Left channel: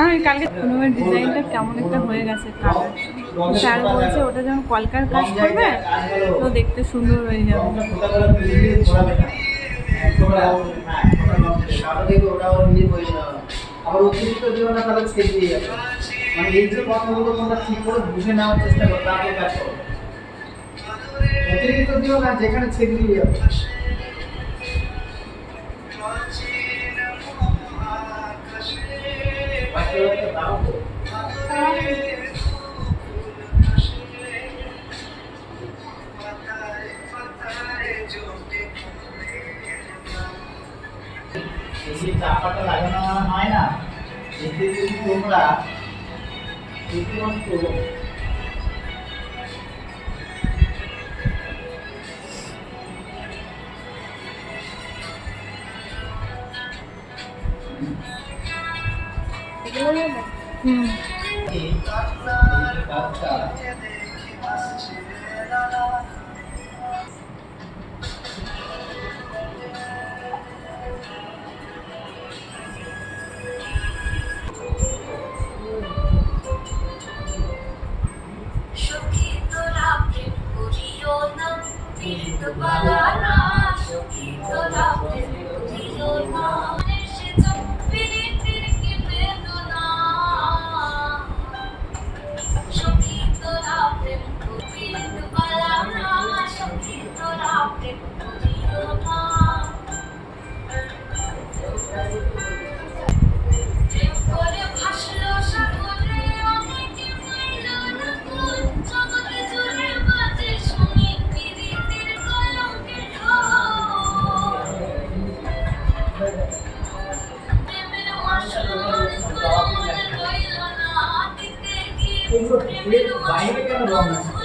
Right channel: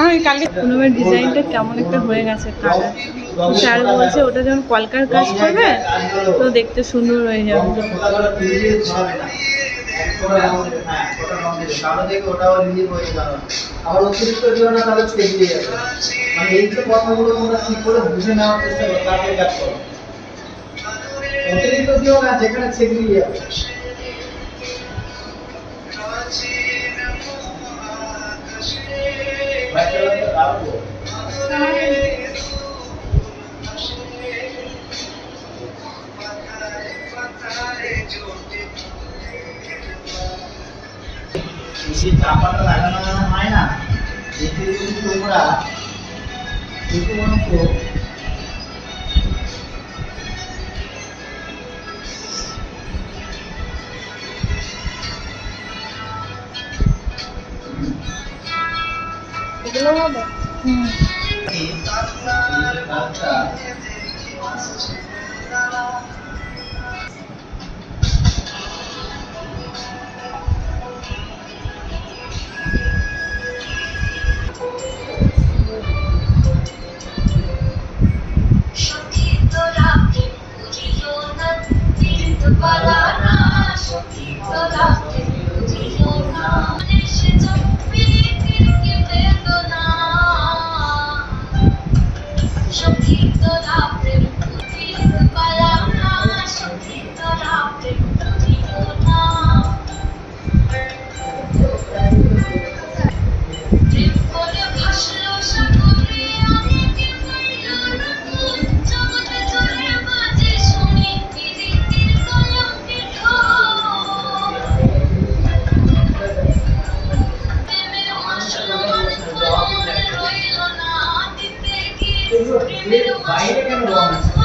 আমি কালকে পুনমের ডিজাইনটা কেমন একটা হয়ে গেছে কালার, স্যার বলছে ওটা যখন কলকার কাজ করবে তো দেখতে সুন্দর হয়ে যাবে। আবার অতিরিক্ত দিও না, তাহলে ছেড়ে যাবে। মানে এই যে কথাগুলো তোমরা ঠিক করে বুঝে নেওয়ার চেষ্টা করো, তারপর কাজ করো। অতিরিক্ত দিও না, যেখানে ছেড়ে যাবে। এই চাপাটা লাগানো হয় না, এতে যদি তোমরা শুধুমাত্র এগুলো হবে। বাইরে কেন রং আছে?